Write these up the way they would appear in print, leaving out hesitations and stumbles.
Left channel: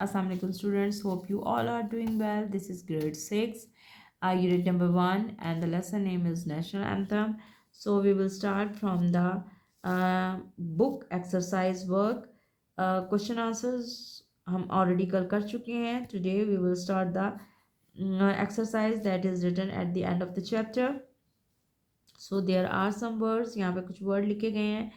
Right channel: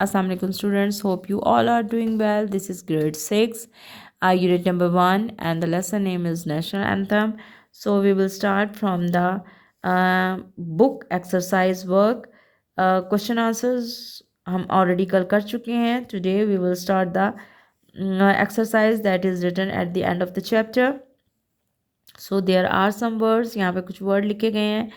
Assalamu alaikum students, hope you all are doing well. This is grade 6, unit number 1, and the lesson name is National Anthem. So we will start from the book exercise work. Question answers हम already कल कर चुके हैं. Today we will start the exercise that is written at the end of the chapter. So there are some words, यहाँ पे कुछ word लिखे गए हैं.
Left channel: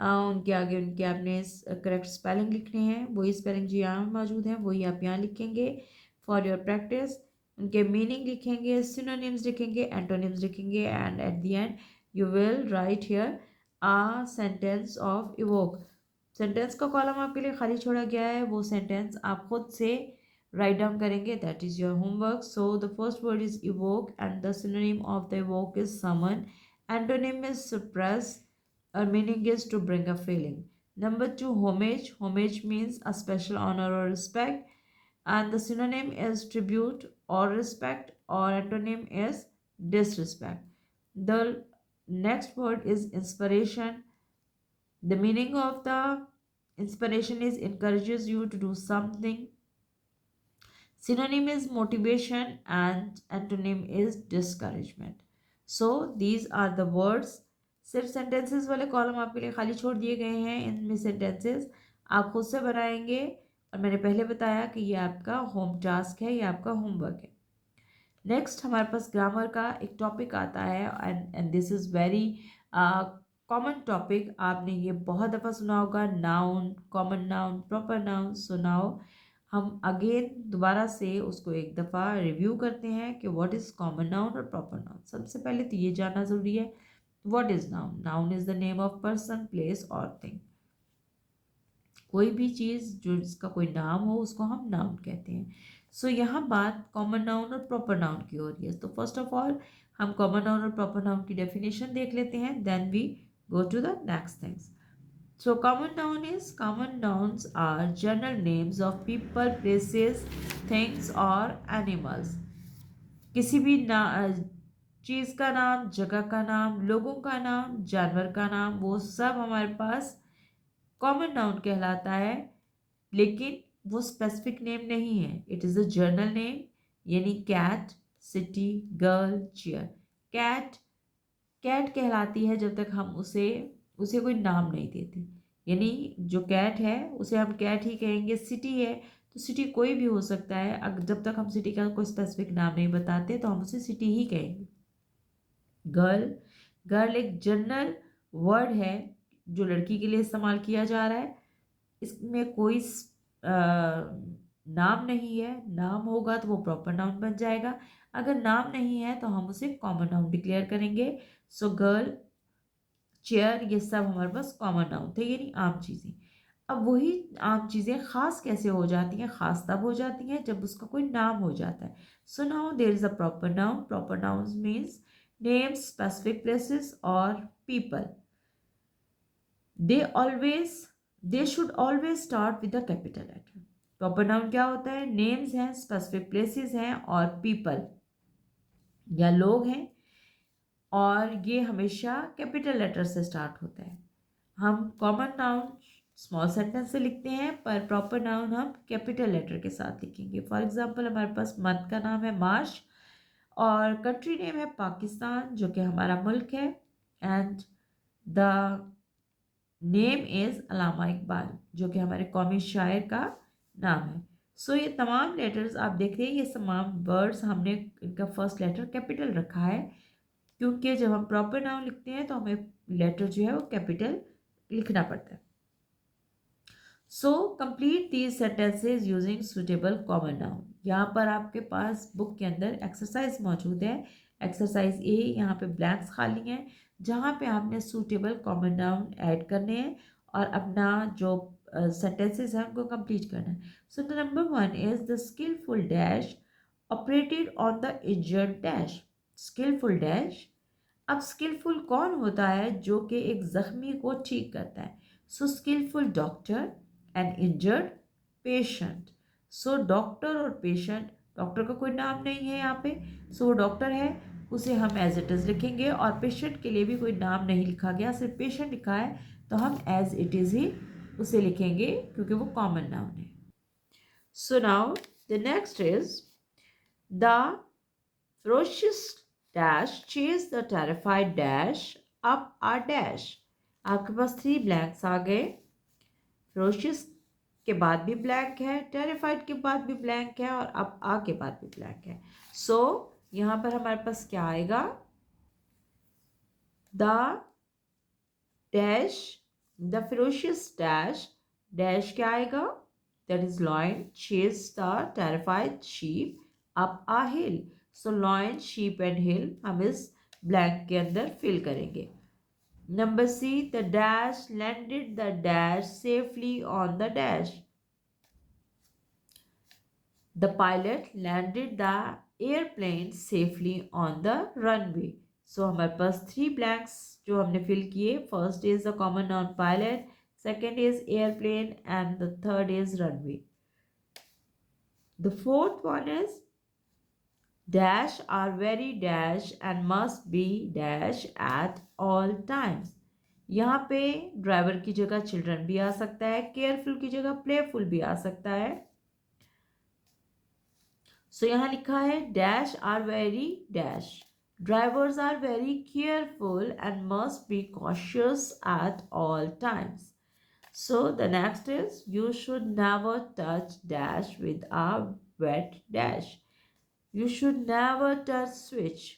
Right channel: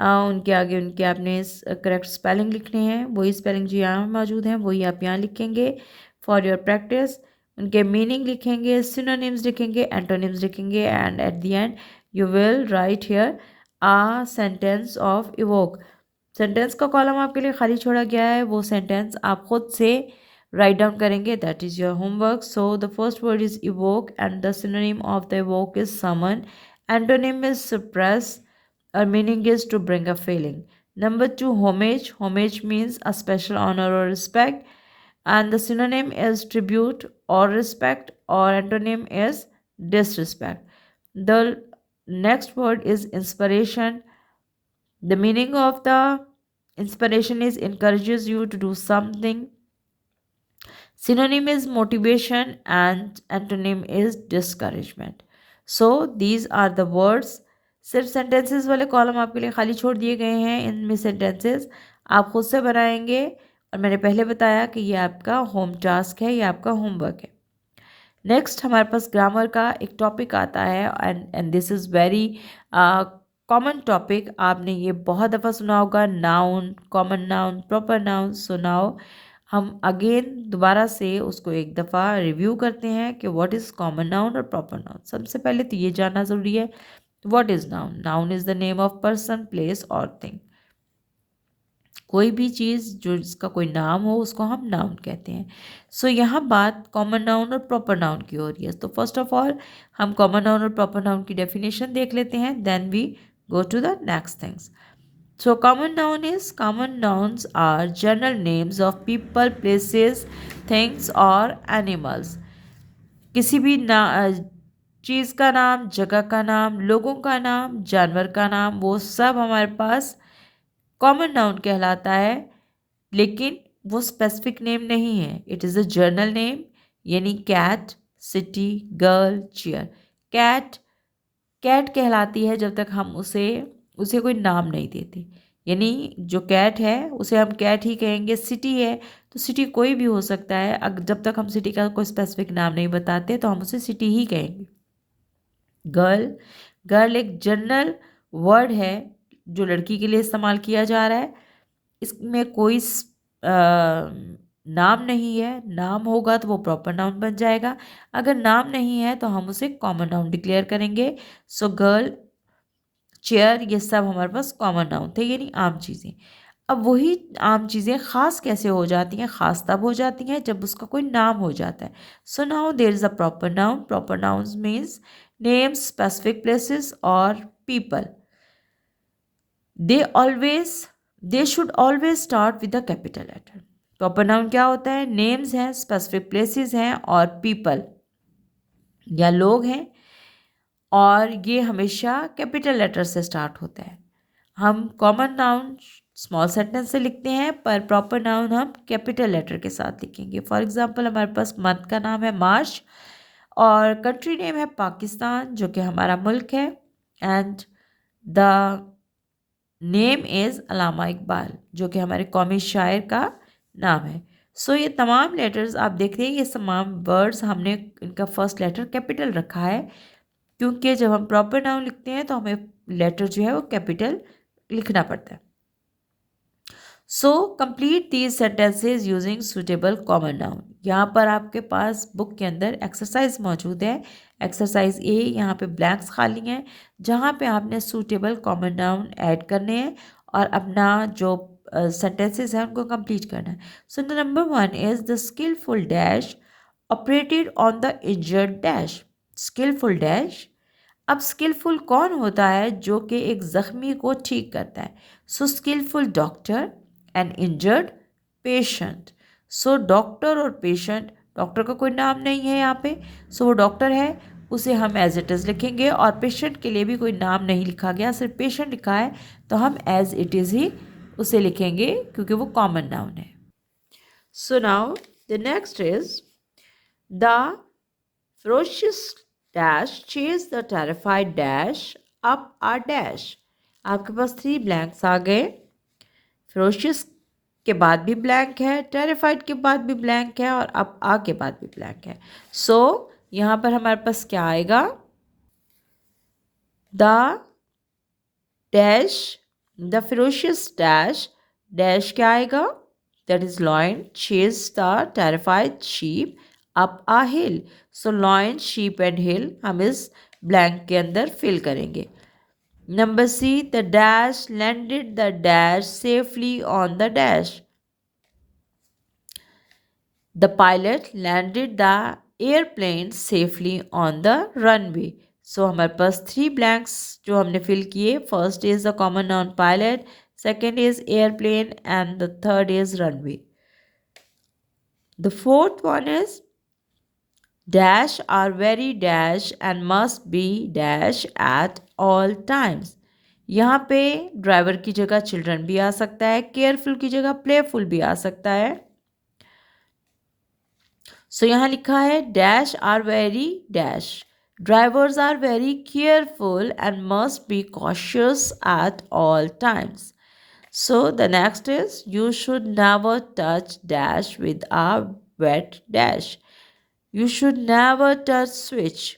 उनके आगे उनके आपने करेक्ट स्पेलिंग लिखने हैं. वही स्पेलिंग जो यहाँ मौजूद हैं वही आप यहाँ लिखेंगे फॉर योर प्रैक्टिस. उनके मीनिंग लिखेंगे, सिनोनिम्स लिखेंगे, एंटोनिम्स लिखेंगे, and at the end you will write here a sentence of evoke. Sentence का कॉलम आपके लिए खाली छोड़ा गया है, वो सेंटेंस आप खुद से राइट डाउन करेंगे. That is your homework. So the first word is evoke and the synonym of the evoke is someone. Antonym is suppress. Our meaning is to bring a feeling. Number 2, homage. Homage means a special honor or respect. And the synonym is tribute or respect, or antonym is disrespect. The next word is inspiration. The meaning of the inspiration is encourages you to do something. Synonym is motivation and antonym is discouragement. So these are the words. सिर्फ sentences वाले column आपके लिए खाली छोड़ दिए गए हैं. इनमें सेंटेंसेस आप खुद से बनाएंगे और मैंने पहले बताया कि ये आपका होम टास्क है, ये आपका होमवर्क है. नेक्स्ट हमारे पास ग्रामर का एक टॉपिक आता है and this is very common topic. आपने ये बहुत दफ़ा सुना होगा. Noun, common noun, proper noun. So now हम अगेन दोबारा से उसको एक दफ़ा रिव्यू करते हैं कि व्हाट इज़ कॉमन नाउन और प्रॉपर नाउन. सबसे पहले तो ये जानना ज़रूरी है what is noun. Noun is the name of person, place और थिंग. कोई भी चीज़ जो जिसका कोई नाम हो उसको हम नाउन कहते हैं. सो यहाँ बात कॉमन नाउन और प्रॉपर नाउन की हो रही है. तो फर्स्ट ऑफ ऑल हम कॉमन नाउन और प्रॉपर नाउन की डेफिनेशन देख लेते हैं, then we go to the next things. So common nouns are general names of people, places, things or animals. किसी भी चीज़ का नाम, जगह का नाम, लोगों का नाम, जानवर का नाम, वो सब हमारे पास कॉमन नाउन कहलाता है. लेकिन वो स्पेसिफिक नेम नहीं है. It is a general name. यानी cat, city, girl, chair. Cat cat कहलाती है जब तक हम उसे कोई नाम नहीं देते. यानी जो कैट है उसे हम कैट ही कहेंगे. सिटी है तो सिटी कोई भी हो सकता है. जब तक हम सिटी का कोई स्पेसिफिक नाम नहीं बताते तो हम उसे सिटी ही कहेंगे. गर्ल गर्ल एक जनरल वर्ड है जो लड़की के लिए इस्तेमाल किया जा रहा है. इसमें कोई नाम नहीं है. नाम होगा तो वो प्रॉपर नाउन बन जाएगा. अगर नाम नहीं है तो हम उसे कॉमन नाउन डिक्लेयर करेंगे. सो गर्ल, चेयर, ये सब हमारे पास कॉमन नाउन थे, यानी आम चीज़ें. अब वही आम चीज़ें ख़ास कैसे हो जाती हैं? ख़ास तब हो जाती हैं जब उसका कोई नाम हो जाता है. So now there is a proper noun. Proper nouns means names, specific places और people. They should always start with the capital letter. Proper noun क्या होता है? नेम्स हैं, स्पेसिफिक प्लेसेस हैं और पीपल या लोग हैं, और ये हमेशा कैपिटल लेटर से स्टार्ट होता है. हम कॉमन नाउन स्मॉल सेंटेंस से लिखते हैं पर प्रॉपर नाउन हम कैपिटल लेटर के साथ लिखेंगे. फॉर एग्जांपल हमारे पास मंथ का नाम है मार्च और कंट्री नेम है पाकिस्तान जो कि हमारा मुल्क है, एंड द नेम इज़ अल्लामा इकबाल जो कि हमारे कौमी शायर का नाम है. सो ये तमाम लेटर्स आप देख रहे हैं, ये तमाम वर्ड्स हमने इनका फर्स्ट लेटर कैपिटल रखा है क्योंकि जब हम प्रॉपर नाउन लिखते हैं तो हमें लेटर जो है वो कैपिटल लिखना पड़ता है. So complete these sentences using suitable common noun. यहाँ पर आपके पास बुक के अंदर एक्सरसाइज मौजूद है. एक्सरसाइज ए, यहाँ पे ब्लैंक्स खाली हैं जहाँ पे आपने सूटेबल कॉमन नाउन ऐड करने हैं और अपना जो सेंटेंसेस हैं उनको कंप्लीट करना है. So the number 1 is the skillful dash operated on the injured dash. Skillful dash. अब स्किलफुल कौन होता है? जो कि एक ज़ख्मी को ठीक करता है. So skilful doctor and injured patient. So doctor और पेशेंट, डॉक्टर का कोई नाम नहीं है यहाँ पे, सो वो डॉक्टर है, उसे हम एज इट इज़ लिखेंगे. और पेशेंट के लिए भी कोई नाम नहीं लिखा गया, सिर्फ पेशेंट लिखा है तो हम एज इट इज़ ही उसे लिखेंगे क्योंकि वो कॉमन नाउन है. So now the next is the ferocious dash chase the terrified dash up a dash. आपके पास 3 ब्लैंक्स आ गए. ferocious के बाद भी ब्लैंक है, टेरिफाइड के बाद भी ब्लैंक है और अब आ के बाद भी ब्लैंक है. सो यहाँ पर हमारे पास क्या आएगा? The dash, the ferocious dash, dash क्या आएगा? That is lion chase the terrified sheep up a hill. So lion, sheep and hill हम इस ब्लैंक के अंदर फिल करेंगे. Number C, the dash landed the dash safely on the dash. The pilot landed the airplane safely on the runway. So हमारे पास 3 blanks जो हमने fill किए. First is the common noun pilot, second is airplane and the third is runway. The fourth one is dash are very dash and must be dash at all times. यहाँ पे driver की जगह children भी आ सकता है, careful की जगह playful भी आ सकता है. सो यहाँ लिखा है dash are very dash, drivers are very careful and must be cautious at all times. So the next is you should never touch dash with a wet dash. You should never touch switch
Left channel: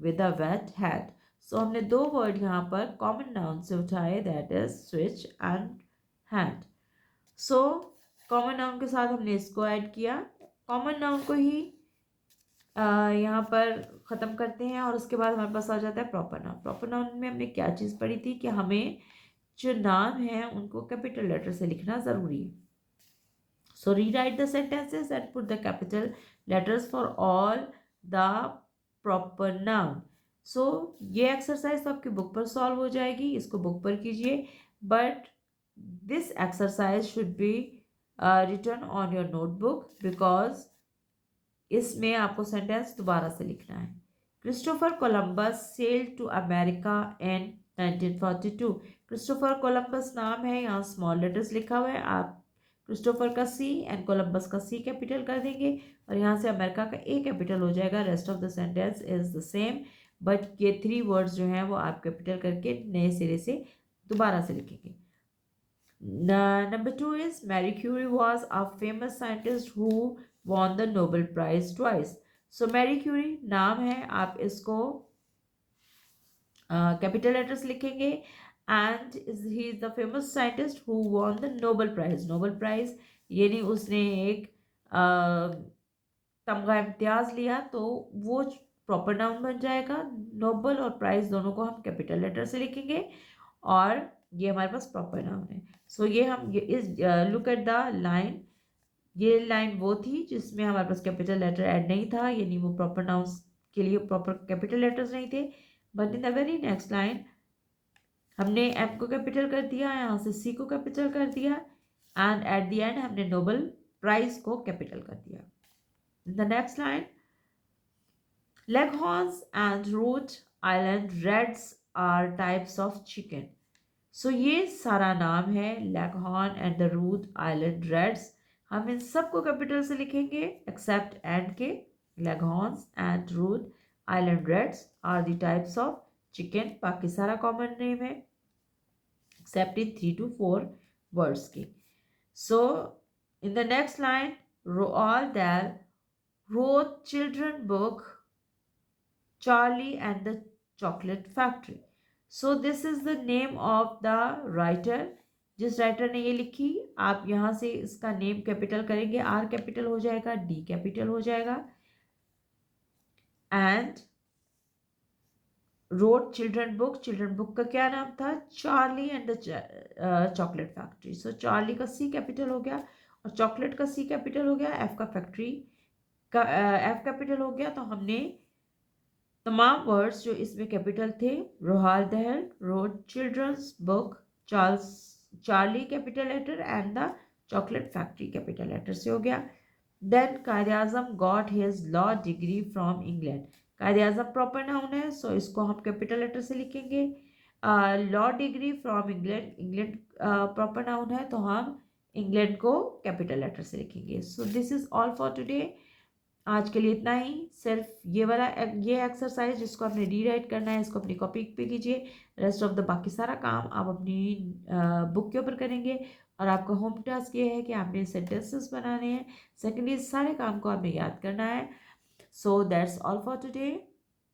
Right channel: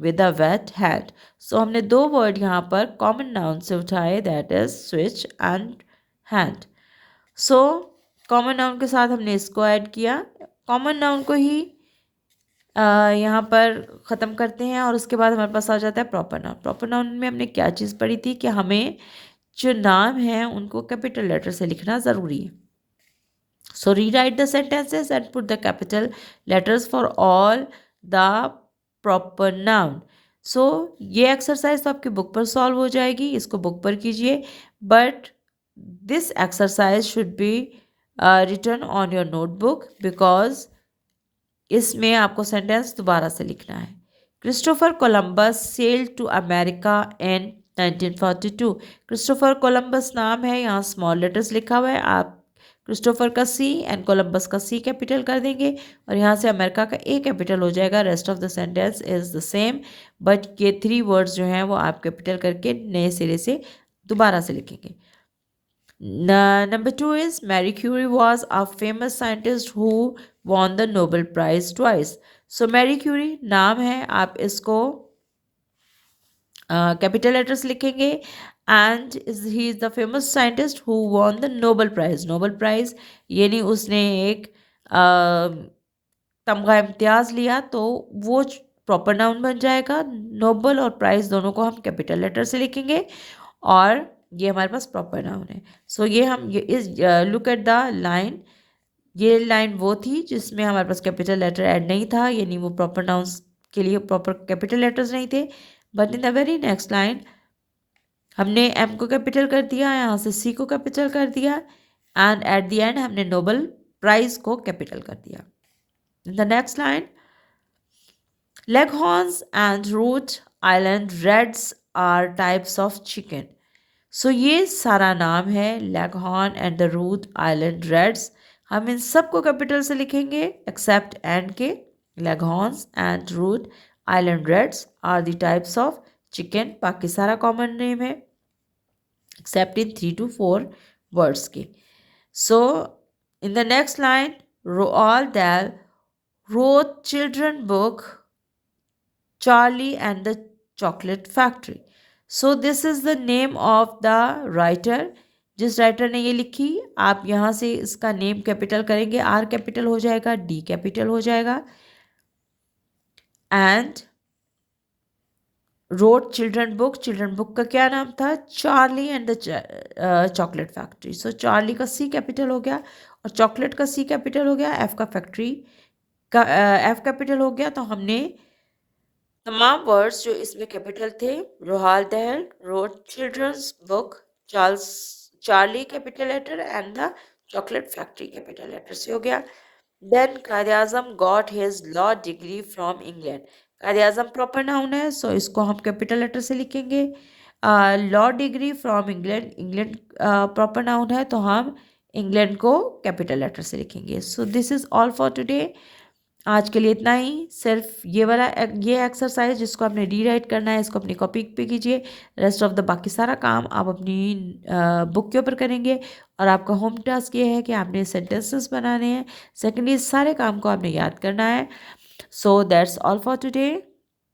with a wet hand. So हमने 2 word यहाँ पर common noun से उठाए, that is switch and hand. So common noun के साथ हमने इसको add किया. कॉमन नाउन को ही यहाँ पर ख़त्म करते हैं और उसके बाद हमारे पास आ जाता है प्रॉपर नाउन. प्रॉपर नाउन में हमने क्या चीज़ पढ़ी थी कि हमें जो नाम है उनको कैपिटल लेटर से लिखना ज़रूरी है. So rewrite the sentences and put the capital letters for all the proper noun. So ये एक्सरसाइज तो आपकी बुक पर सॉल्व हो जाएगी, इसको बुक पर कीजिए. But this exercise should be written on your notebook because इसमें आपको सेंटेंस दोबारा से लिखना है. Christopher Columbus sailed to America in 1942. Christopher Columbus नाम है, यहाँ स्मॉल लेटर्स लिखा हुआ है. आप क्रिस्टोफर का सी एंड कोलंबस का सी कैपिटल कर देंगे और यहाँ से अमेरिका का ए कैपिटल हो जाएगा. Rest of the sentence is the same, but ये 3 वर्ड्स जो हैं वो आप कैपिटल करके नए सिरे से दोबारा से लिखेंगे. Number 2 is Marie Curie was a famous scientist who won the Nobel Prize twice. So Marie Curie नाम है, आप इसको कैपिटल लेटर्स लिखेंगे. And he is the famous scientist who won the Nobel prize. Nobel prize यानी उसने एक तमगा इम्तियाज़ लिया, तो वो प्रॉपर नाउन बन जाएगा. नोबल और प्राइज़ दोनों को हम कैपिटल लेटर से लिखेंगे और ये हमारे पास प्रॉपर नाउन है. सो ये हम ये इस लुक एट द लाइन, ये लाइन वो थी जिसमें हमारे पास कैपिटल लेटर ऐड नहीं था, यानी वो प्रॉपर नाउन्स के लिए प्रॉपर कैपिटल लेटर्स नहीं थे. But in the very next line हमने एम को कैपिटल कर दिया, यहाँ से सी को कैपिटल कर दिया एंड एट द एंड हमने नोबल प्राइज को कैपिटल कर दिया. In the next line Leghorns and Rhode Island Reds are types of chicken. So ये सारा नाम है Leghorn and the Rhode Island Reds. हम इन सब को कैपिटल से लिखेंगे एक्सेप्ट एंड के. Leghorns and Rhode Island Reds are the types of chicken. बाकी सारा कॉमन नेम है एक्सेप्ट इन 3 to 4 वर्ड्स के. So in the next line Roald Dahl wrote children book Charlie and the Chocolate Factory. So this is the name of the writer. जिस writer ने ये लिखी, आप यहाँ से इसका नेम कैपिटल करेंगे, आर कैपिटल हो जाएगा, डी कैपिटल हो जाएगा. And road children book, children book का क्या नाम था? Charlie and the Chocolate factory. So Charlie का सी कैपिटल हो गया और चॉकलेट का सी कैपिटल हो गया, एफ का फैक्ट्री का एफ कैपिटल हो गया. तो हमने तमाम वर्ड्स जो इसमें कैपिटल थे, Roald Dahl wrote children's book, Charlie capital letter and the Chocolate Factory capital letter से हो गया. Then Quaid Azam got his law degree from England. Quaid Azam proper noun है, सो इसको हम कैपिटल लेटर से लिखेंगे. Law degree from England, England proper noun है, तो हम इंग्लैंड को कैपिटल लेटर से लिखेंगे। So this is all for today. आज के लिए इतना ही। सिर्फ ये वाला ये एक्सरसाइज जिसको आपने रीराइट करना है, इसको अपनी कॉपी पे कीजिए। रेस्ट ऑफ द बाकी सारा काम आप अपनी बुक के ऊपर करेंगे। और आपका होम टास्क ये है कि आपने सेंटेंसेस बनाने हैं। सेकेंडली, सारे काम को आपने याद करना है। So that's all for today.